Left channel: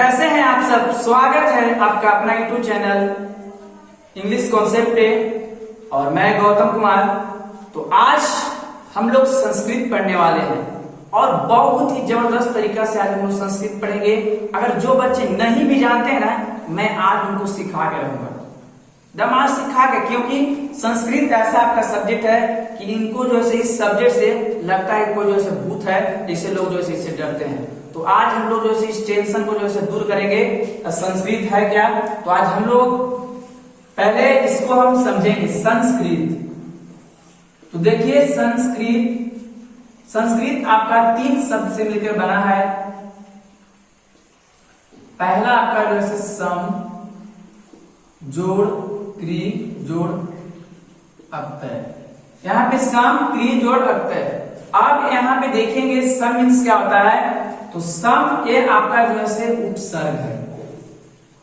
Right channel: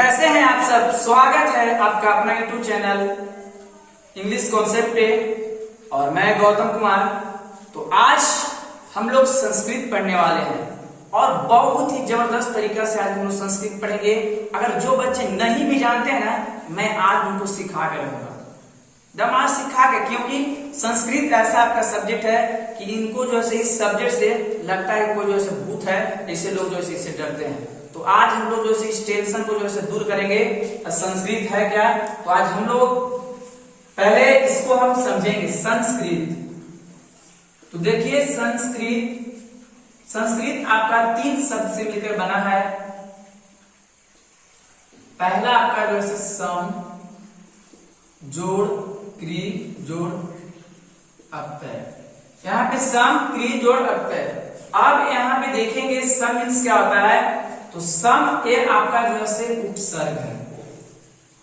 कैसे हैं आप सब। स्वागत है आपका अपना यूट्यूब चैनल इंग्लिश कॉन्सेप्ट पे और मैं गौतम कुमार। तो आज हम लोग संस्कृत पढ़ने वाले हैं और बहुत ही जबरदस्त तरीका से आज हम लोग संस्कृत पढ़ेंगे। अगर जो बच्चे नहीं भी जानते हैं ना, मैं आज उनको सिखा के रहूंगा, दमाद सिखा के, क्योंकि संस्कृत ऐसा आपका सब्जेक्ट है कि इनको जो है इस सब्जेक्ट से लगता है कोई जो है भूत है, ऐसे लोग जो है इससे डरते हैं। तो आज हम लोग जो है इस टेंशन को जो है दूर करेंगे। संस्कृत है क्या, तो आज हम लोग पहले इसको हम समझेंगे संस्कृत। तो देखिए संस्कृत आपका 3 शब्द से मिलकर बना है। पहला आपका जो है सम, जोड़, क्री, जोड़, अक्तय। यहाँ पे सम, क्री, जोड़, अक्तय। अब यहाँ पे देखेंगे सम मीन्स क्या होता है। तो सम ये आपका जो है उपसर्ग है।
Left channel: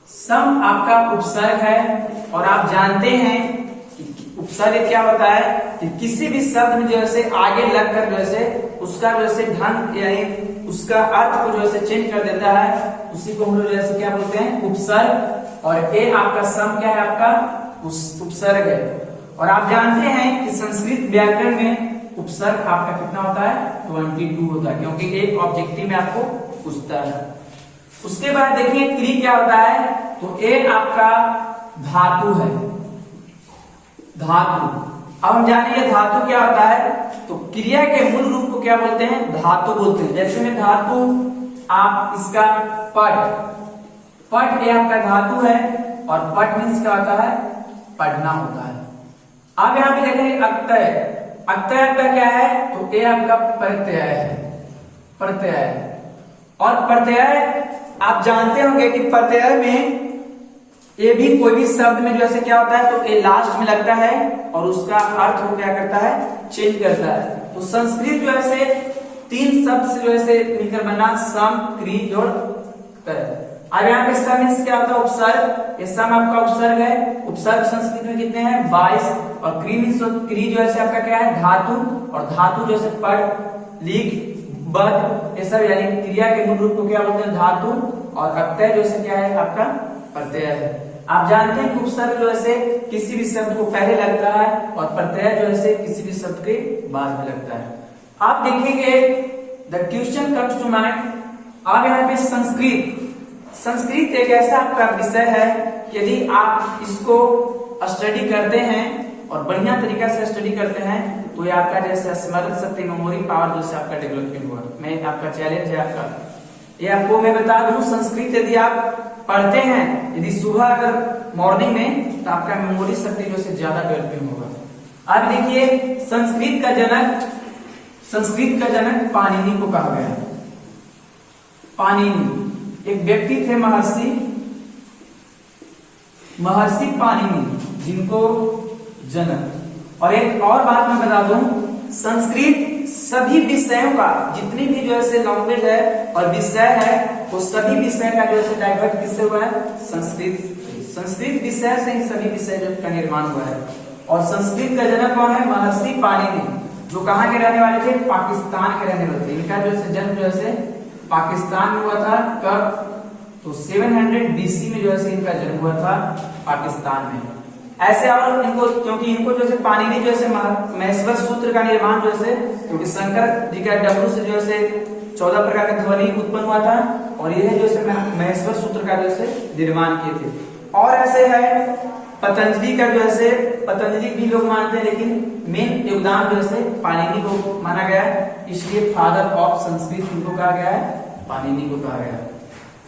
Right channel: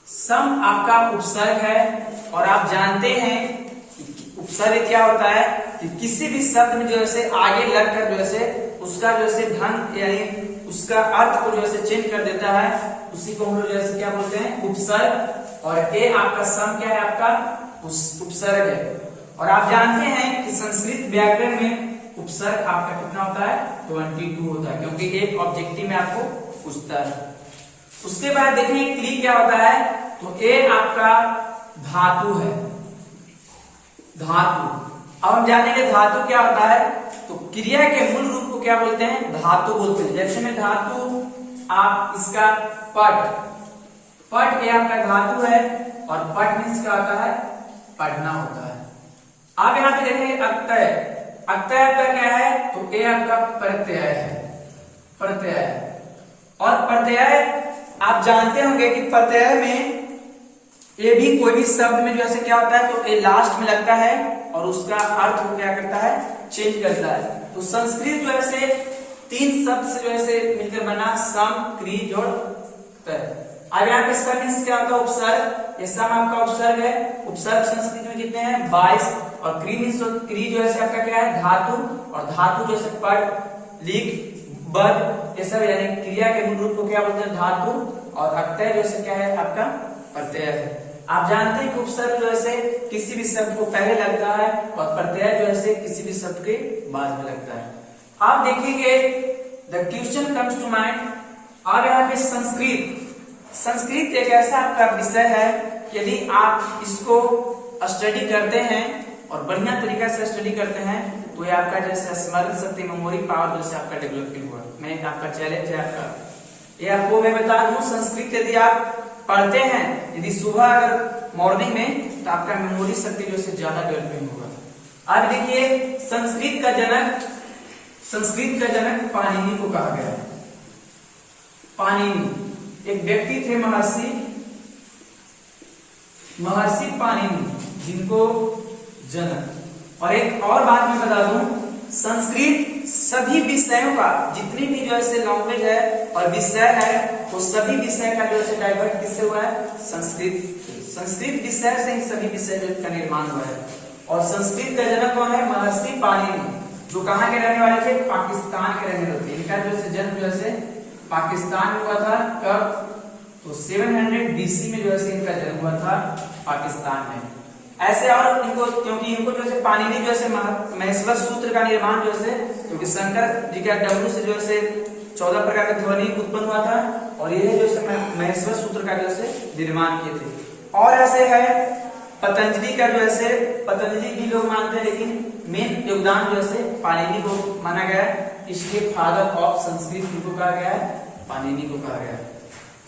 सम आपका उपसर्ग है और आप जानते हैं कि उपसर्ग क्या होता है कि किसी भी शब्द में जो है आगे लगकर जो है उसका जो है ढंग यानी उसका अर्थ को जो है चेंज कर देता है, उसी को हम लोग जैसे क्या बोलते हैं, उपसर्ग। और ये आपका सम क्या है, आपका उपसर्ग है। और आप जानते हैं कि संस्कृत व्याकरण में उपसर्ग आपका कितना होता है, 22 होता है, क्योंकि एक ऑब्जेक्टिव में आपको पूछता है। उसके बाद देखिए क्री क्या होता है, तो ये आपका धातु है, धातु। अब हम जानेंगे धातु क्या होता है। तो क्रिया के मूल रूप को क्या बोलते हैं, धातु बोलते हैं। जैसे में धातु, आप इसका पट ये आपका धातु है और पट मीन्स क्या होता है, पढ़ना होता है। अब यहाँ पे देखेंगे अक्तय। अक्तय आपका क्या है, तो ये आपका प्रत्यय है, प्रत्यय। और प्रत्यय आप जानते होंगे कि प्रत्यय में ये भी कोई भी शब्द में जो ऐसे क्या होता है, तो ये लास्ट में लगता है और उसका अर्थ वो क्या करता है, चेंज करता है। तो संस्कृत जो है 3 शब्द से जो है मिलकर बना, सम, क्री, जोड़, तय। अब यहाँ पे सम मीन्स क्या होता है, उपसर्ग। ये सम आपका उपसर्ग है। उपसर्ग संस्कृत में कितने हैं, 22। और क्री मीन्स, क्री जो है आपका क्या है, धातु। और धातु जो है पढ़, लिख, बद, ये सब यानी क्रिया के मूल रूप को क्या बोलते हैं, धातु। और अक्तय जो है क्या है, आपका प्रत्यय है। आप जानते हैं कि उपसर्ग जो है किसी भी शब्द को पहले लगता है और प्रत्यय जो है किसी भी शब्द के बाद में लगता है। आप देखेंगे the question comes to mind. अब यहाँ पे संस्कृत एक ऐसा आपका विषय है, यदि आप इसको स्टडी करते हैं और बढ़िया तरीका से स्टडी करते हैं तो ये आपका जैसे स्मरण शक्ति, मेमोरी पावर जैसे आपका डेवलपमेंट हुआ। मैं आपका चैलेंज है आपका, ये आपको मैं बता दूं, संस्कृत यदि आप पढ़ते हैं, यदि सुबह अगर मॉर्निंग में, तो आपका मेमोरी शक्ति जो है ज्यादा डेवलपिंग होगा। अब देखिए संस्कृत का जनक पाणिनि को कहा गया। पाणिनि एक व्यक्ति थे, महर्षि पाणिनि, जिनको जनक। और एक और बात मैं बता दूं, संस्कृत सभी विषयों का, जितनी भी जो है लैंग्वेज है और विषय है, वो सभी विषय का जो है डाइवर्ट किससे हुआ है, संस्कृत विषय से ही सभी विषय का निर्माण हुआ है। और संस्कृत का जनक कौन है, महर्षि पाणिनि, जो कहाँ के रहने वाले थे, पाकिस्तान के रहने वाले थे। इनका जो है जन्म जो है पाकिस्तान में हुआ था। कब, तो 700 BC में जो है इनका जन्म हुआ था पाकिस्तान में। ऐसे और इनको, क्योंकि इनको जो है पाणिनि जो है महेश्वर सूत्र का निर्माण जो है, क्योंकि शंकर जी का डमरू से जो है 14 प्रकार का ध्वनि उत्पन्न हुआ था और यह जो है महेश्वर सूत्र का जो है निर्माण किए थे। और ऐसे है पतंजलि का जो है, पतंजलि भी लोग मानते हैं, लेकिन मेन योगदान जो है पाणिनि को माना गया है, इसलिए फादर ऑफ संस्कृत इनको कहा गया है, पाणिनि को कहा गया है।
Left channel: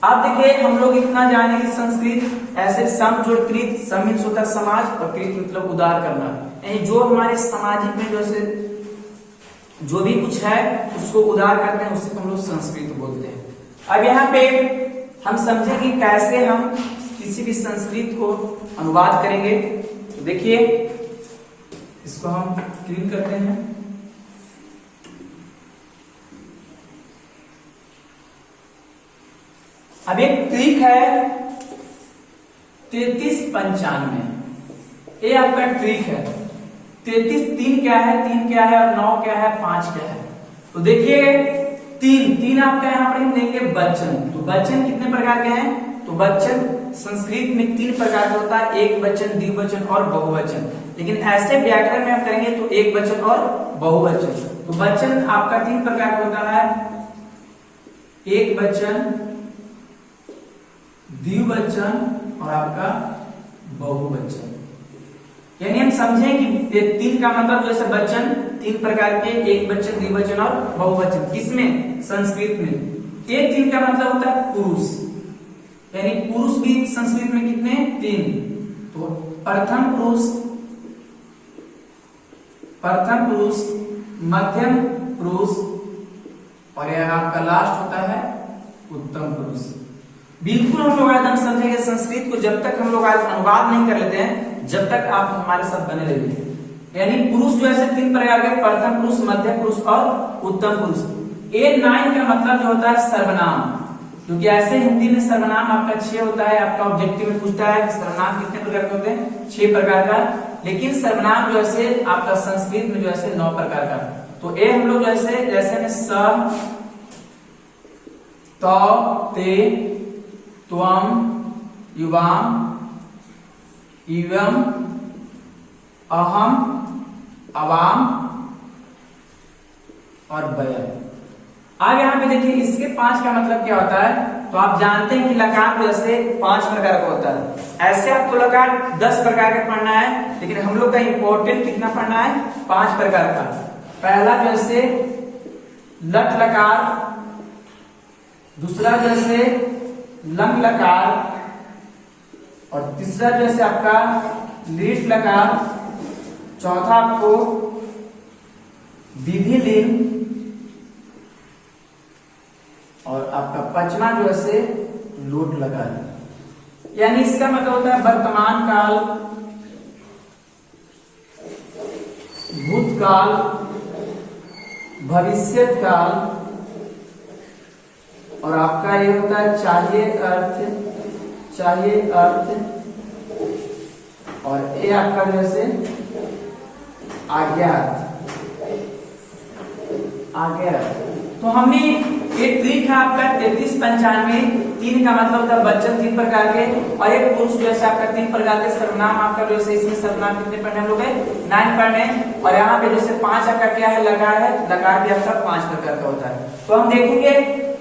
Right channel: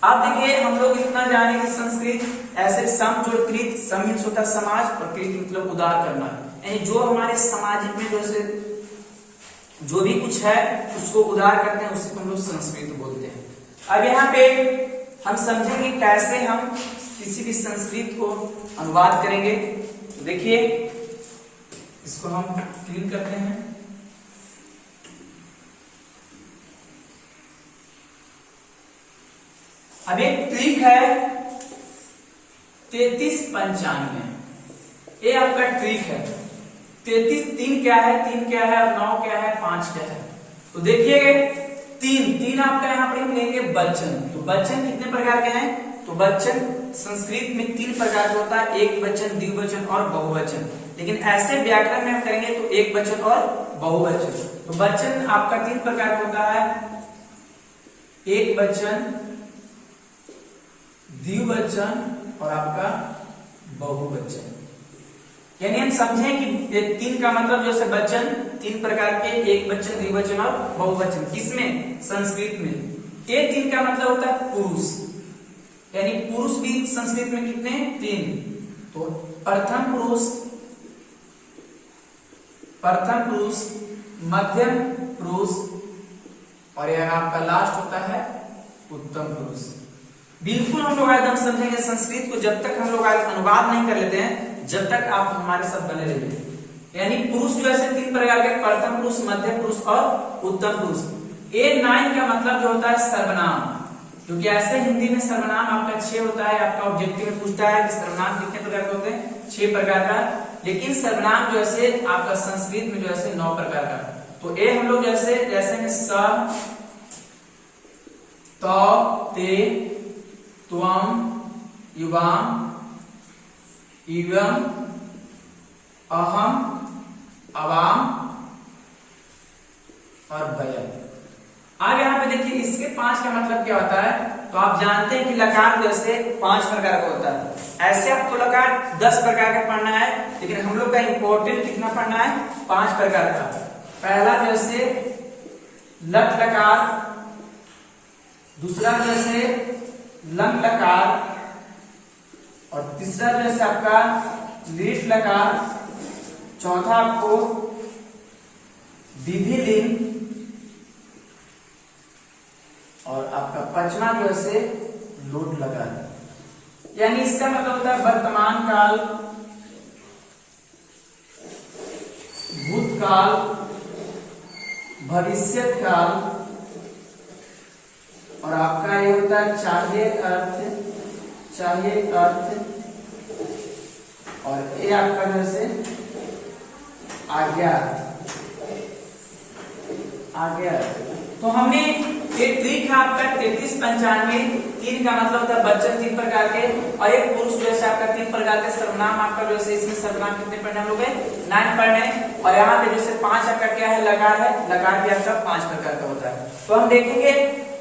अब देखिए हम लोग इतना जाने कि संस्कृत ऐसे सम, जोड़, कृत। सम मीन्स होता है समाज और कृत मतलब उदार करना, यानी जो हमारे सामाजिक में जो है जो भी कुछ है उसको उदार करते हैं, उसी को हम लोग संस्कृत बोलते हैं। अब यहाँ पे हम समझेंगे कैसे हम किसी भी संस्कृत को अनुवाद करेंगे। तो देखिए इसको हम क्लीन करते हैं। अब एक ट्रिक है 3395, ये आपका ट्रिक है। 33 3 क्या है, 3 क्या है और 9 क्या है, 5 क्या है। तो देखिए तीन आपका यहाँ पर हम लेंगे वचन। तो वचन कितने प्रकार के हैं? तो वचन संस्कृत में 3 प्रकार का होता है, एक वचन, द्विवचन और बहुवचन। लेकिन ऐसे व्याकरण में हम करेंगे तो एक वचन और बहुवचन। तो वचन आपका 3 प्रकार का होता है, एक वचन, द्विवचन और आपका बहुवचन। यानी हम समझें कि 3 का मतलब जैसे वचन 3 प्रकार के, एक वचन, द्विवचन और बहुवचन। किसमें? संस्कृत में। ये 3 का मतलब होता है पुरुष, यानी पुरुष भी संस्कृत में कितने? 3। तो प्रथम पुरुष, मध्यम पुरुष और यह आपका लास्ट होता है उत्तम पुरुष। बिल्कुल हम लोग एकदम समझेंगे संस्कृत को, जब तक हम लोग अनुवाद नहीं कर लेते हैं, जब तक आप हमारे साथ बने रहिए। यानी पुरुष जो ऐसे 3 प्रकार के, प्रथम पुरुष, मध्यम पुरुष और उत्तम पुरुष। A9 का मतलब जो होता है सर्वनाम, क्योंकि ऐसे हिंदी में सर्वनाम आपका 6 होता है। आपका ऑब्जेक्टिव में पूछता है कि सर्वनाम कितने प्रकार के होते हैं? 6 प्रकार का। लेकिन सर्वनाम जो ऐसे आपका संस्कृत में जो ऐसे 9 प्रकार का। तो ए हम लोग जैसे में स, त, ते, त्वम, युवाम, इवम, अहम, अवाम और वयम। आगे यहाँ पे देखिए इसके 5 का मतलब क्या होता है। तो आप जानते हैं कि लकार जैसे 5 प्रकार का होता है। ऐसे आपको लकार 10 प्रकार का पढ़ना है, लेकिन हम लोग का इंपॉर्टेंट कितना पढ़ना है? 5 प्रकार का। पहला जैसे लट लकार, दूसरा जैसे लंग लकार और तीसरा जैसे आपका लीट लकार, चौथा आपको विधि लिंग और आपका 5वां जो है लोट लकार। यानी इसका मतलब होता है वर्तमान काल, भूतकाल, भविष्यत काल और आपका ये होता है चाहिए अर्थ और ये आपका जैसे आज्ञा। तो हमने एक ट्रिक है आपका 33 95। 3 का मतलब होता है वचन 3 प्रकार के और एक पुरुष जैसे आपका 3 प्रकार के। सर्वनाम आपका जैसे इसमें सर्वनाम कितने पढ़ने हम लोग? 9 पढ़ने। और यहाँ पे जैसे 5 आपका क्या है? लकार है। लकार भी आपका 5 प्रकार का होता है। तो हम देखेंगे,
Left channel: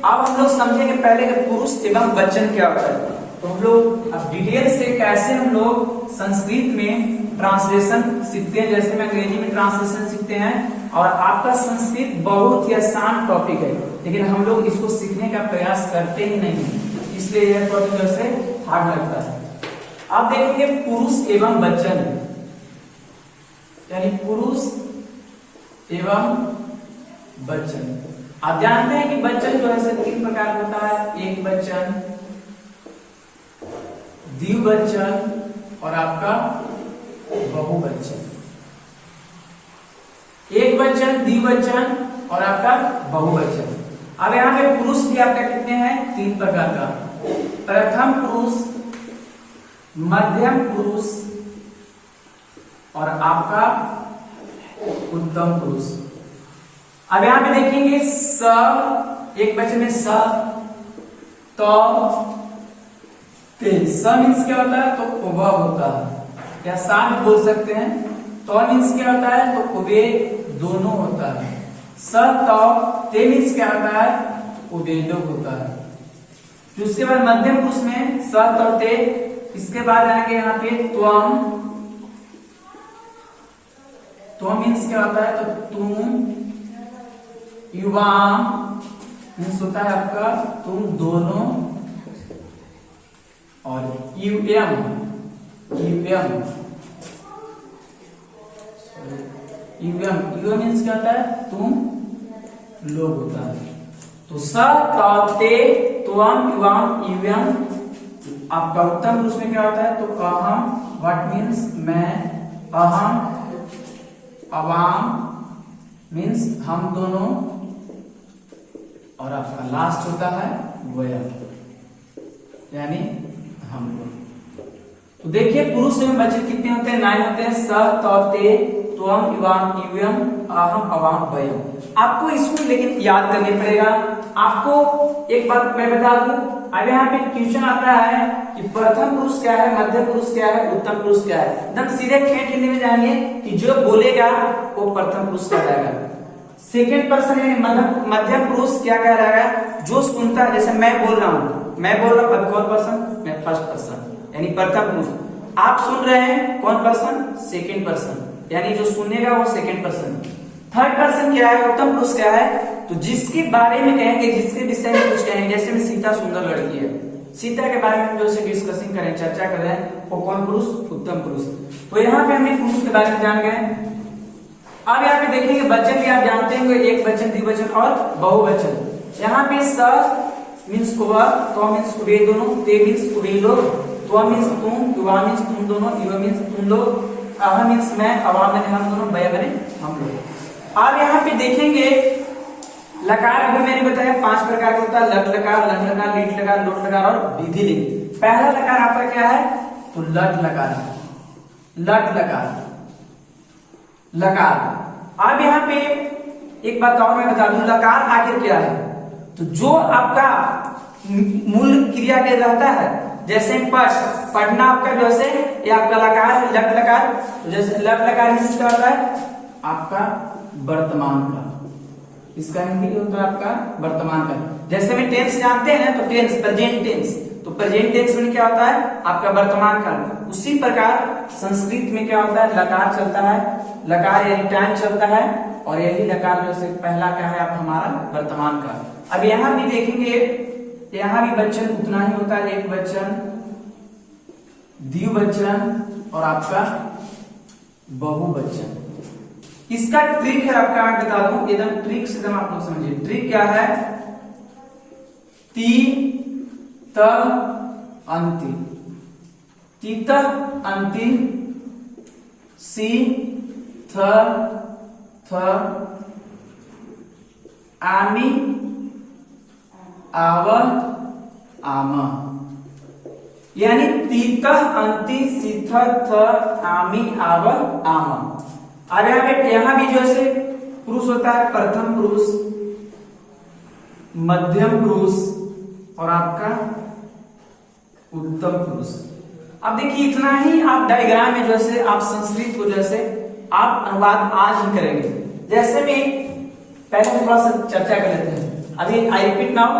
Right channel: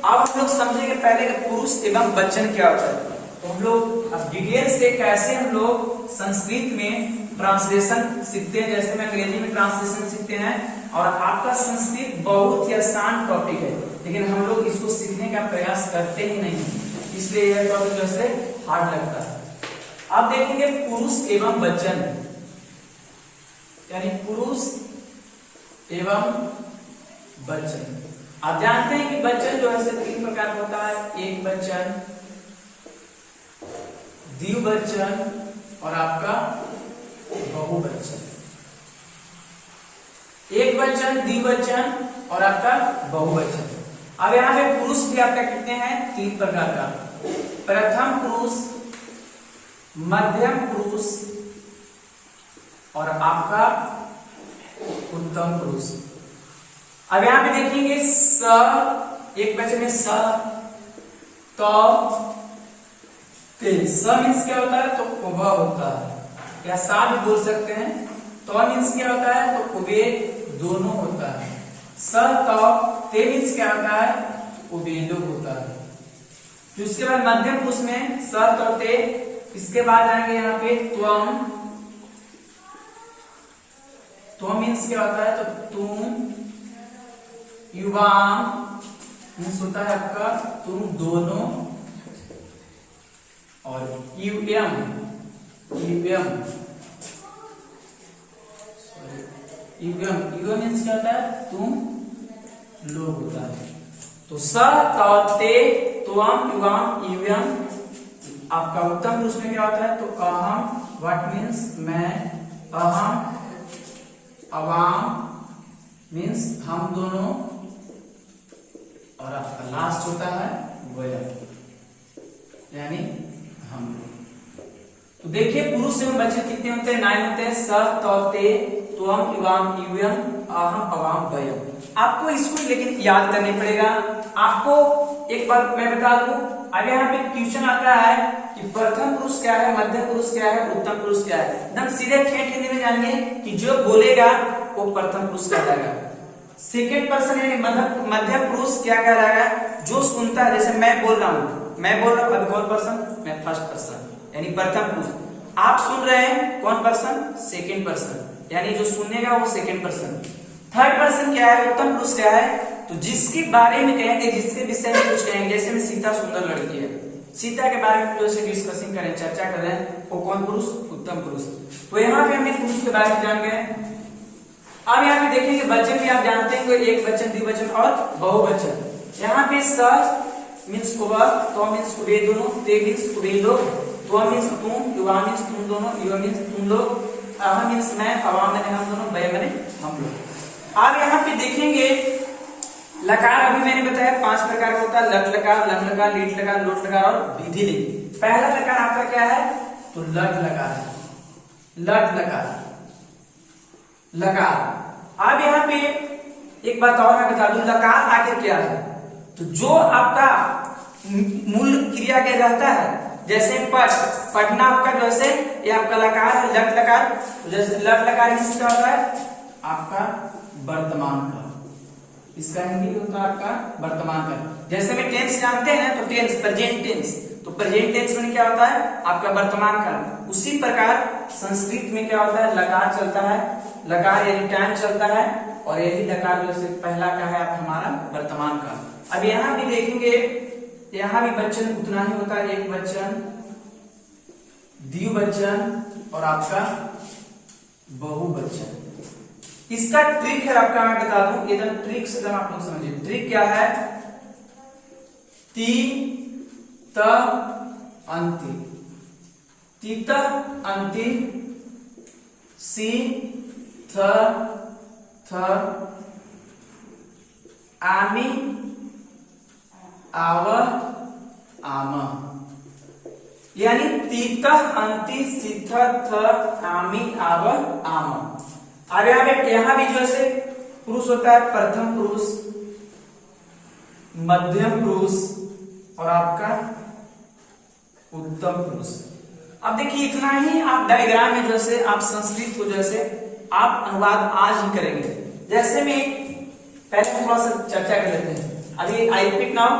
अब हम लोग समझेंगे पहले कि पुरुष एवं वचन क्या होता है। तो हम लोग अब डिटेल से कैसे हम लोग संस्कृत में ट्रांसलेशन सीखते हैं, जैसे में अंग्रेजी में ट्रांसलेशन सीखते हैं। और आपका संस्कृत बहुत ही आसान टॉपिक है, लेकिन हम लोग इसको सीखने का प्रयास करते ही नहीं, इसलिए यह टॉपिक जैसे हार्ड लगता है। अब देखेंगे पुरुष एवं वचन, यानी पुरुष एवं वचन। आप जानते हैं कि वचन जो है 3 प्रकार का होता है, एक वचन, द्विवचन और आपका बहुवचन। एक वचन, द्विवचन और आपका बहुवचन। अब यहाँ पे पुरुष भी आपका कितने हैं? 3 प्रकार का। प्रथम पुरुष, मध्यम पुरुष और आपका उत्तम पुरुष। अब यहाँ पे देखेंगे स, एक वचन में स, त, ते। स मीन्स क्या होता है? तो वह होता है, या सा भी बोल सकते हैं। तो मीन्स क्या होता है? तो वे दोनों होता है। स, त, ते मीन्स क्या होता है? वे लोग होता है। फिर उसके बाद मध्यम पुरुष में स, त, ते। इसके बाद आएंगे यहाँ पे त्वम। त्वम मीन्स क्या होता है? तो तुम। युवाम मीन्स होता है आपका तुम दोनों। और यूएम मीन्स क्या होता है? तुम लोग होता है। तो स, त, ते, त्वम, युवाम, यूएम। आपका उत्तम पुरुष में क्या होता है? तो अहम, व्हाट मीन्स मैं, अहम, अवाम मीन्स हम दोनों और आपका लास्ट होता है वयम, यानी हम लोग। तो देखिए पुरुष एवं वचन कितने होते हैं? 9 होते हैं। स, त, ते, त्वम इवाम इवम अहम अवाम वयम। आपको इसको लेकिन याद करने पड़ेगा। आपको एक बात मैं बता दूं, अब यहाँ पे क्वेश्चन आता है कि प्रथम पुरुष क्या है, मध्य पुरुष क्या है, उत्तम पुरुष क्या है। एकदम सीधे ठेठ हिंदी में जानिए कि जो बोलेगा वो प्रथम पुरुष कहलाएगा। सेकेंड पर्सन यानी मध्य पुरुष क्या कहलाएगा, जो सुनता है। जैसे मैं बोल रहा हूँ, अब कौन पर्सन, मैं फर्स्ट पर्सन यानी प्रथम पुरुष। आप सुन रहे हैं, कौन पर्सन, सेकेंड पर्सन यानी जो सुनेगा वो सेकेंड पर्सन। थर्ड पर्सन क्या है, उत्तम पुरुष क्या है, तो जिसके बारे में कहेंगे, जिसके विषय में कुछ कहेंगे। जैसे में सीता सुंदर लड़की है, सीता के बारे में जो डिस्कसिंग करें, चर्चा कर रहे हैं, वो कौन पुरुष, उत्तम पुरुष। तो यहाँ पे हमने पुरुष के बारे में जान गए। अब यहाँ पे देखेंगे वचन भी आप जानते हैं, एक वचन, द्विवचन और बहुवचन। यहाँ पे स मीन्स वह, तो मीन्स वे दोनों, ते मीन्स वे लोग, तो मीन्स तुम, युवा मीन्स तुम दोनों, युवा मीन्स तुम लोग, अह मीन्स मैं, अवाम मैंने हम दोनों, वय मैंने हम लोग। अब यहाँ पे देखेंगे लकार, अभी मैंने बताया 5 प्रकार का होता है, लट लकार, लंग लकार, लीट लकार, लोट लकार और विधि लिंग। पहला लकार आपका क्या है, तो लट लकार है, लट लकार, लकार। अब यहाँ पे एक बात और मैं बता दूं, लकार आखिर क्या है, तो जो आपका मूल क्रिया के रहता है। जैसे पढ़ना आपका जो है ये आपका लकार है, लट लकार। तो जैसे लट लकार इसका होता है आपका वर्तमान काल, इसका हिंदी होता है आपका वर्तमान काल। जैसे में टेंस जानते हैं ना, तो टेंस, प्रेजेंट टेंस, तो प्रेजेंट टेंस में क्या होता है आपका वर्तमान काल। उसी प्रकार संस्कृत में क्या होता है, लकार चलता है, लकार यानी टाइम चलता है, और यही लकार जो है पहला क्या है हमारा वर्तमान काल। अब यहाँ भी देखेंगे, यहाँ भी वचन उतना ही होता है, एक वचन, द्विवचन और आपका बहुवचन। इसका ट्रिक है आपका, मैं बता दूं, एकदम ट्रिक से एकदम आप लोग समझिए। ट्रिक क्या है, ती त अंति, तीत अंति, सी थ थ, आमी आव आम, यानी तीत अंति सीथ थ आमी आव आम। अब यहाँ भी जो है पुरुष होता है, प्रथम पुरुष, मध्यम पुरुष और आपका उत्तम पुरुष। अब देखिए इतना ही आप डायग्राम में जो है आप संस्कृत को जो है आप अनुवाद आज ही करेंगे। जैसे में पहले थोड़ा सा चर्चा कर लेते हैं। अभी आई रिपीट नाउ,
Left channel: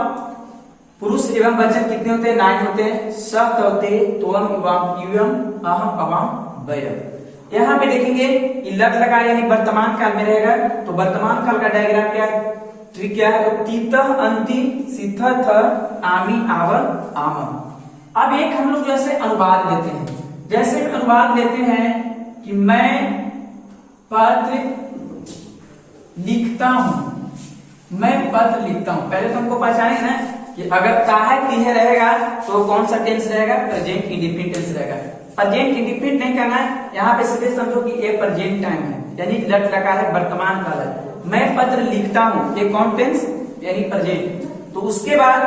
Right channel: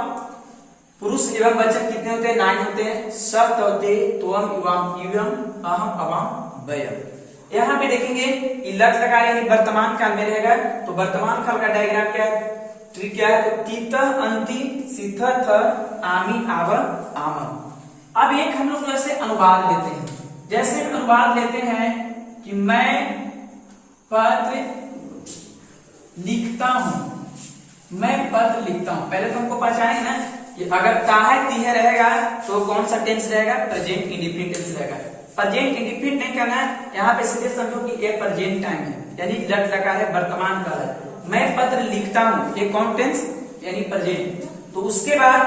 पुरुष एवं वचन कितने होते हैं, 9 होते हैं। स तौते, त्वम इवाम इवम अहम अवाम वयम। यहाँ पे देखेंगे लट लगा यानी वर्तमान काल में रहेगा, तो वर्तमान काल का डायग्राम क्या है, ट्रिक क्या है, तो तीत अंति सीथ थ आमी आव आम। अब एक हम लोग जैसे अनुवाद लेते हैं। जैसे अनुवाद लेते हैं कि मैं पत्र लिखता हूं, मैं पत्र लिखता हूं। पहले तो हमको पहचाने ना कि अगर ताहे तीहे रहेगा तो कौन सा टेंस रहेगा, प्रेजेंट इंडिफिनिट टेंस रहेगा। प्रेजेंट इंडिफिनिट नहीं करना है, यहाँ पे सीधे समझो कि ये प्रेजेंट टाइम है, यानी लट लकार है, वर्तमान काल है। मैं पत्र लिखता हूं, ये कौन टेंस यानी प्रेजेंट। तो उसके बाद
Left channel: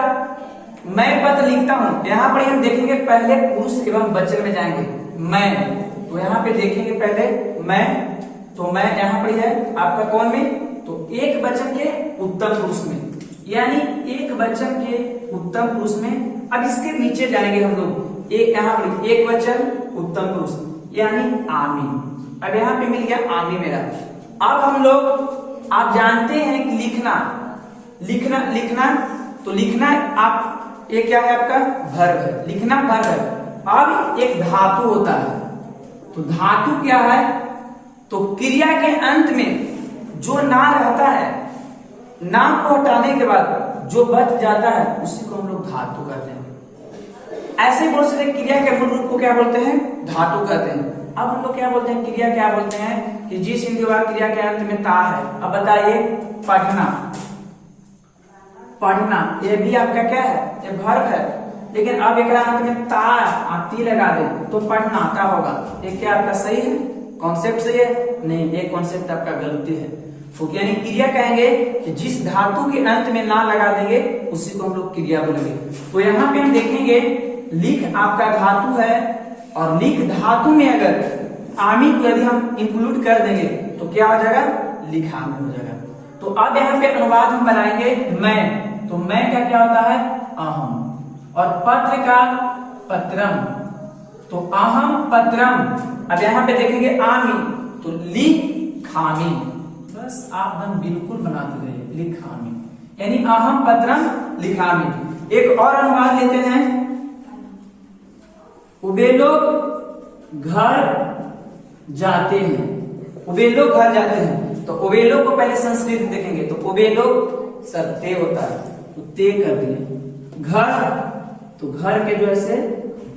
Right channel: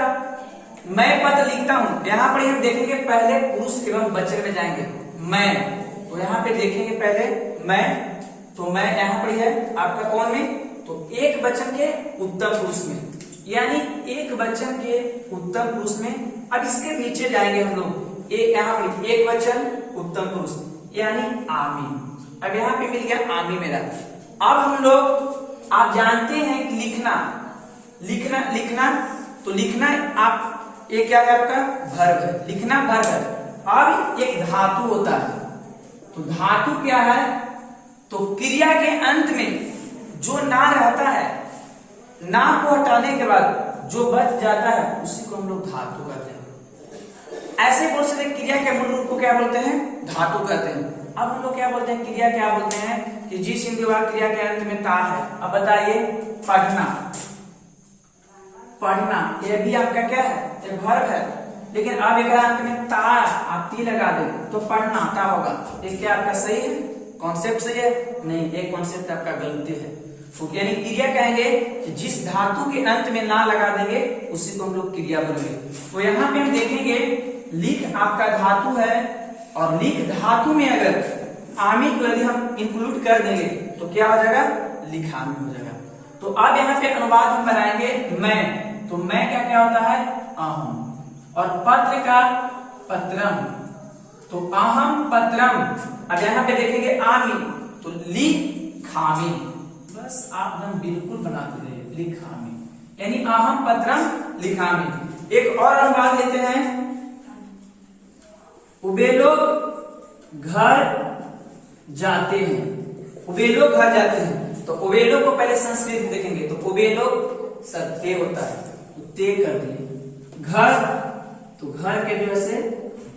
मैं पत्र लिखता हूं, यहाँ पर हम देखेंगे पहले पुरुष एवं वचन में जाएंगे। मैं, तो यहाँ पे देखेंगे पहले मैं, तो मैं यहाँ पर है आपका कौन में, तो एक वचन के उत्तम पुरुष में, यानी एक वचन के उत्तम पुरुष में। अब इसके नीचे जाएंगे हम लोग, एक यहाँ पर एक वचन उत्तम पुरुष यानी आमी। अब यहाँ पे मिल गया आमी मेरा। अब हम लोग, आप जानते हैं कि लिखना, तो लिखना आप ये क्या है आपका वर्ब है, लिखना वर्ब है। अब एक धातु होता है, तो धातु क्या है, तो क्रिया के अंत में जो ना रहता है, ना को हटाने के बाद जो बच जाता है उसी को हम लोग धातु कहते हैं। ऐसे बोल सकते क्रिया के मूल रूप को क्या बोलते हैं, धातु कहते हैं। अब हम लोग क्या बोलते हैं, क्रिया क्या बोलते हैं कि जिस हिंदी वाक्य क्रिया के अंत में ता है। अब बताइए, पढ़ना, पढ़ना ये भी आपका क्या है, ये वर्ब है, लेकिन अब एक अंत में ता आप ती लगा दे तो पढ़ना ता होगा। ये क्या आपका सही है, कॉन्सेप्ट सही है? नहीं, ये कॉन्सेप्ट आपका गलती है। तो यानी क्रिया कहेंगे कि जिस धातु के अंत में ना लगा देंगे उसी को हम लोग क्रिया बोलेंगे। तो यहाँ पे हम देखेंगे लिख आपका धातु है, और लिख धातु में अगर आमी को यदि हम इंक्लूड कर देंगे तो क्या हो जाएगा, लिखामी हो जाएगा। तो अब यहाँ पे अनुवाद हम बनाएंगे मैं, तो मैं का क्या होता है, अहम, और पत्र का पत्रम, तो अहम पत्रम। अब यहाँ पे देखेंगे आमी, तो लिखामी, बस आप एकदम बिल्कुल बनाते रहिए, लिखामी, यानी अहम पत्रम लिखामी। एक और अनुवाद लेते हैं, वे लोग घर जाते हैं, वे लोग घर जाते हैं। तो ओबेलो को पहले संस्कृत देखेंगे, तो ओबेलो सर ते होता है, तो ते कर दिए। घर, तो घर के जो है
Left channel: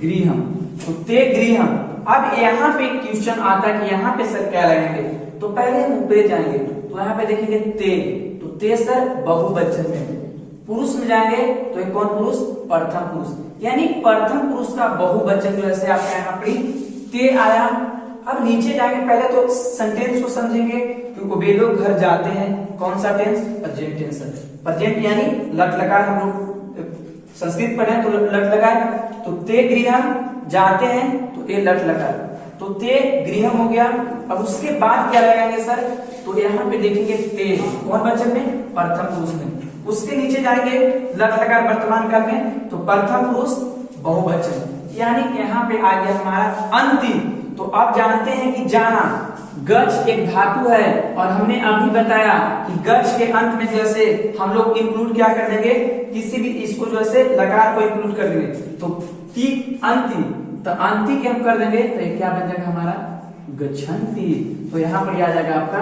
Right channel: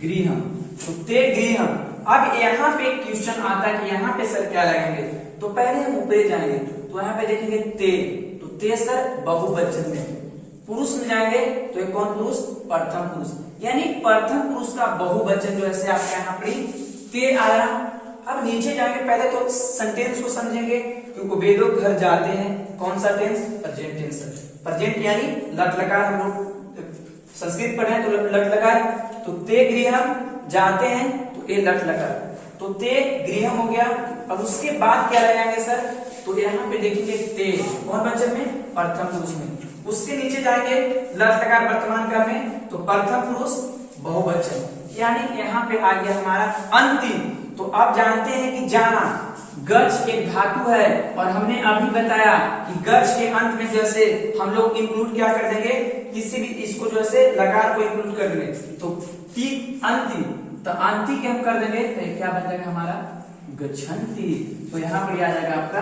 गृहम, तो ते गृहम। अब यहाँ पे क्वेश्चन आता है कि यहाँ पे सर क्या लगाएंगे, तो पहले हम ऊपर जाएंगे, तो यहाँ पे देखेंगे ते, तो ते सर बहुवचन में। पुरुष में जाएंगे तो एक कौन पुरुष, प्रथम पुरुष, यानी प्रथम पुरुष का बहुवचन जो है आपका यहाँ पर ते आया। अब नीचे जाएंगे, पहले तो सेंटेंस को समझेंगे, क्योंकि वे लोग घर जाते हैं, कौन सा टेंस, प्रेजेंट टेंस, प्रेजेंट यानी लट लकार, हम लोग संस्कृत पढ़े तो लट लकार, तो ते गृहम जाते हैं, तो ये लट लकार, तो ते गृहम हो गया। अब उसके बाद क्या लगाएंगे सर, तो यहाँ पे देखेंगे ते, कौन वचन में, प्रथम पुरुष में। उसके नीचे जाएंगे लट लकार वर्तमान काल में, तो प्रथम पुरुष बहुवचन, यानी यहाँ पे आ गया हमारा अंतिम। तो आप जानते हैं कि जाना, गच एक धातु है, और हमने अभी बताया कि गच के अंत में जैसे हम लोग इंक्लूड क्या कर देंगे, किसी भी इसको जो है लकार को इंक्लूड कर देंगे, तो ती अंति, तो अंति के हम कर देंगे, तो ये क्या बन जाएगा हमारा, गच्छन्ति। तो यहाँ पर आ जाएगा आपका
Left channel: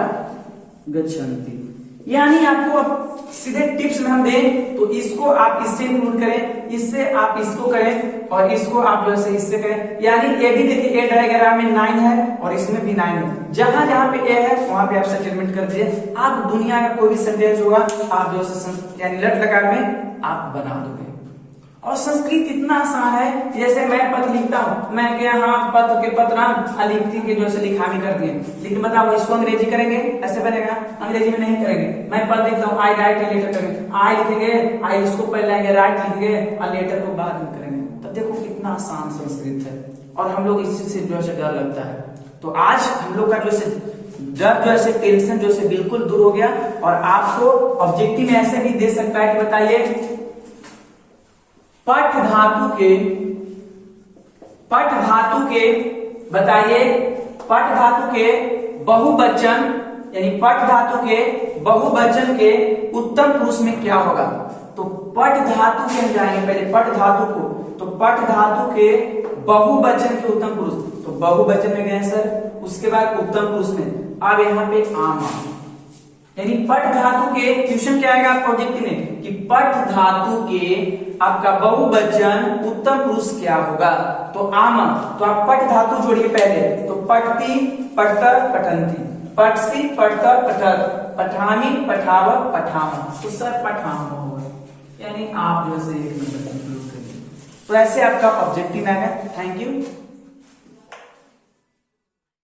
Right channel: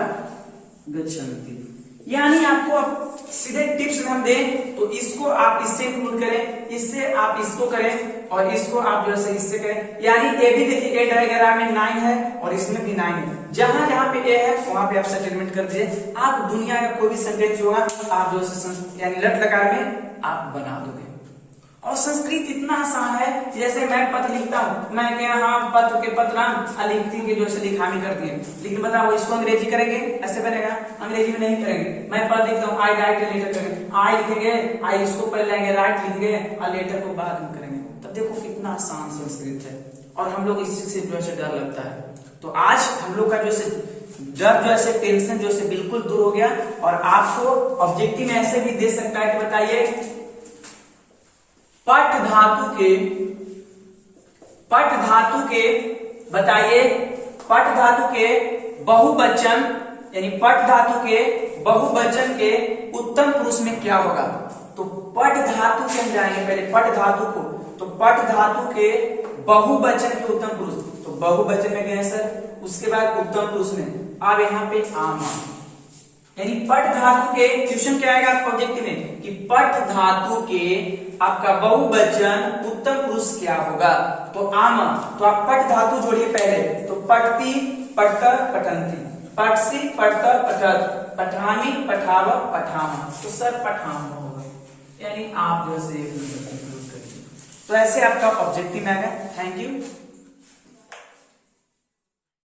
गच्छन्ति। यानी आपको अब सीधे टिप्स में हम दें, तो इसको आप इससे इंक्लूड करें, इससे आप इसको करें, और इसको आप जो है इससे करें। यानी ए भी देखिए, ए डायग्राम में 9 है और इसमें भी 9 है, जहां जहां पे ए है वहां पे आप सेटलमेंट कर दीजिए। आप दुनिया का कोई भी सेंटेंस होगा आप जो है यानी लट लकार में आप बना दोगे। और संस्कृत इतना आसान है, जैसे मैं पत्र लिखता हूँ, मैं क्या, हाँ पत्र के पत्रान लिखती के जो है लिखामी कर दिए, लेकिन बताओ इसको अंग्रेजी करेंगे, ऐसे बनेगा, अंग्रेजी में नहीं करेंगे। मैं पत्र लिखता हूँ, आई राइट लेटर करेंगे, आई लिखेंगे, आई इसको पहले लाएंगे, राइट लिखेंगे, और लेटर को बाद में करेंगे। तब देखो कितना आसान संस्कृत है, और हम लोग इसी से जो है डर लगता है। तो आज हम लोग का जो है डर जो है टेंशन जो है बिल्कुल दूर हो गया, और आपको ऑब्जेक्टिव में ऐसे भी दे सकता है कि बताइए पठ धातु के बताइए, पठ धातु के बहुवचन, यानी पठ धातु के बहुवचन के उत्तम पुरुष में क्या होगा। तो पठ धातु के हम जाएंगे पहले, पठ धातु को, तो पठ धातु के बहुवचन के उत्तम पुरुष, तो बहुवचन में गए सर, उसके बाद उत्तम पुरुष में। अब यहाँ पे आमा, यानी पठ धातु के क्वेश्चन क्या आएगा आपका ऑब्जेक्टिव में, कि पठ धातु के आपका बहुवचन उत्तम पुरुष क्या होगा, तो आम। तो आप पठ धातु जोड़िए पहले, तो पठती, पठतर, पठंती, पठसी, पठतर, पठत, पठामी, पठाव, पठाम, तो सर पठाम होगा, यानी आप जो है तो ऐसे आपका ऑब्जेक्टिव आएगा। Thank you.